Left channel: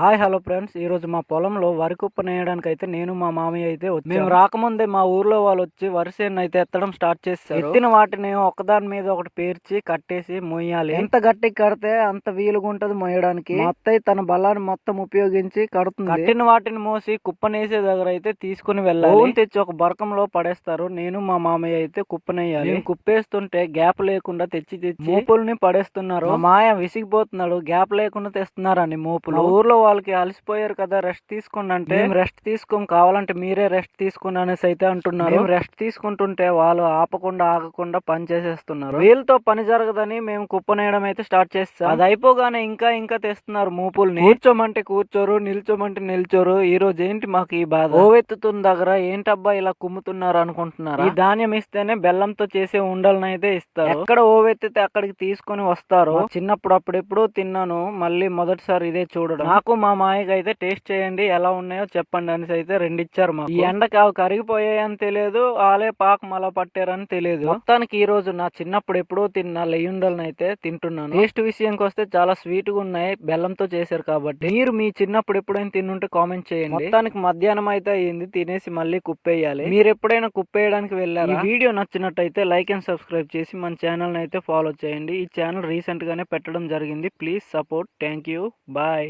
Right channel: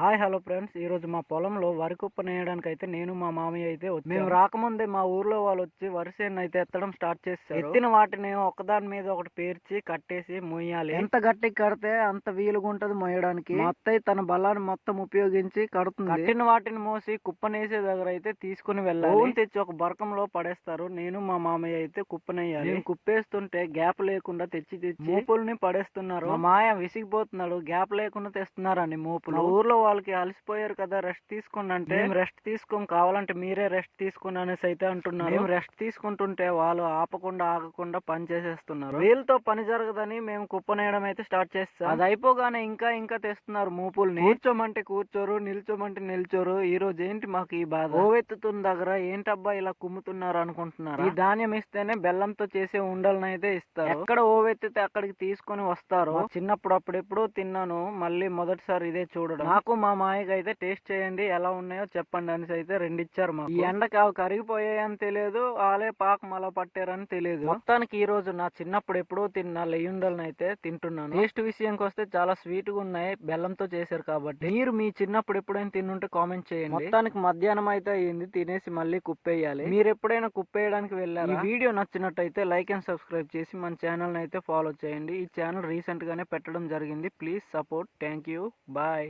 Hi hello friends. ఈరోజు మా పొలంలో వరి కుప్పనేయడానికైతే నేను మా మామయ్య అయితే వచ్చాము. మేము రాకముందే మా ఊర్లో వాళ్ళొచ్చి వరి చేనునైతే ఎత్తడం స్టార్ట్ చేసేసారు. ఎత్తిన వాటిని ఒకదాని మీద ఒకటి పేర్చి కట్టేసి మొయ్యాలి. ఎంత గట్టిగా కడితే అంత వీలుగుంటది మొయ్యడానికి. మా అత్తయ్య తన బలాన్ని మొత్తం ఉపయోగించి కడుతుంది. కట్టిన వాటిని మోసి కుప్పనేసే దగ్గర అయితే తీసుకుని వెళ్ళాలి. ఓన్ తెచ్చి ఒక బరకంలో పడేస్తారు. నేను మా మామయ్య అయితే కుప్పనేయాలి. మేము కుప్పేస్తుంటే గ్యాప్ లేకుండా తెచ్చి మోపుల్ని పడేస్తున్నారు. మా మాయ విసిగిపోతున్నాడు. గ్యాప్ లేకుండా తెస్తున్నారని మోపులు. మా ఊర్లో వాళ్ళకి అలసిపోయారు కదా, రెస్ట్ తీసుకోండి అంటే మేము రెస్ట్ తీసుకోం, కావాలంటే మీరే రెస్ట్ తీసుకోండి అనేసి అయితే అంటున్నారు. మేము రెస్ట్ తీసుకుంటుంటే వాళ్ళు ఆగకుండా పని చేసేస్తున్నారు. వీళ్ళతో పని జరగదని మేము కుప్పనేయడం అయితే స్టార్ట్ చేస్తాం. అది అయిపోగానే ఇంకా ఇంకా తెస్తున్నారు మూపుల్ని. కూర్చోమంటే కూర్చోరు, నిల్చోమంటే నిల్చోరు. ఈ రోజు ఏంటి మాకు ఈ బాధ? ఓవెత్తుతున్న దగ్గర ఏంటబ్బా ఇలా కుమ్ముతున్నారు అనుకుంటున్నారు. ఈ ధాన్యం ఇస్తేనే బెల్లంతో చేసే ఉండలను అయితే ఇస్తారు. ఎక్కడ ఓవెత్తితే అక్కడికి తీసుకొని వస్తారు. చిన్నప్పుడు అప్పుడెప్పుడు తిన్నాను, మళ్ళీ మొదటిసారి ఇదే చూడడం. నాకు మా మాయకి అయితే టేస్ట్ చేయండి, ఎలా ఉన్నాయో చెప్పండి అనేసి అయితే రెండు ఇచ్చారు మాకు. ఈ ఎండకి అవి కరిగిపోయాయని తెలియదు, ఆలే పాకం అలా పట్టారని తెలియదు. మొత్తానికి ఈ రోజు నా చిన్నప్పుడు ఎప్పుడో తిన్న లెయ్యుండలను అయితే తింటున్నాను. టేస్ట్ విషయానికి వస్తే చాలా స్వీట్ గా ఉన్నాయి, బెల్లంతో చేశారు కాబట్టి. మీరు మీ చిన్నప్పుడు ఎప్పుడైనా తిన్నుంటే కామెంట్ చేయండి. మొత్తానికి మధ్యాహ్నం అయితే అయ్యింది, తినేసి మళ్ళీ కుప్పేయాలి. మీరు ఎప్పుడైనా కుప్పేయడానికి వెళ్ళారా? ఈ వీడియో నచ్చినట్టయితే లైక్ అండ్ సబ్స్క్రైబ్ చేసి మన ఛానల్ అయితే ఫాలో చేయండి. ఈ ఛానల్ రీసెంట్ గానే పెట్టడం జరిగింది. Please support. Thank you. Bye.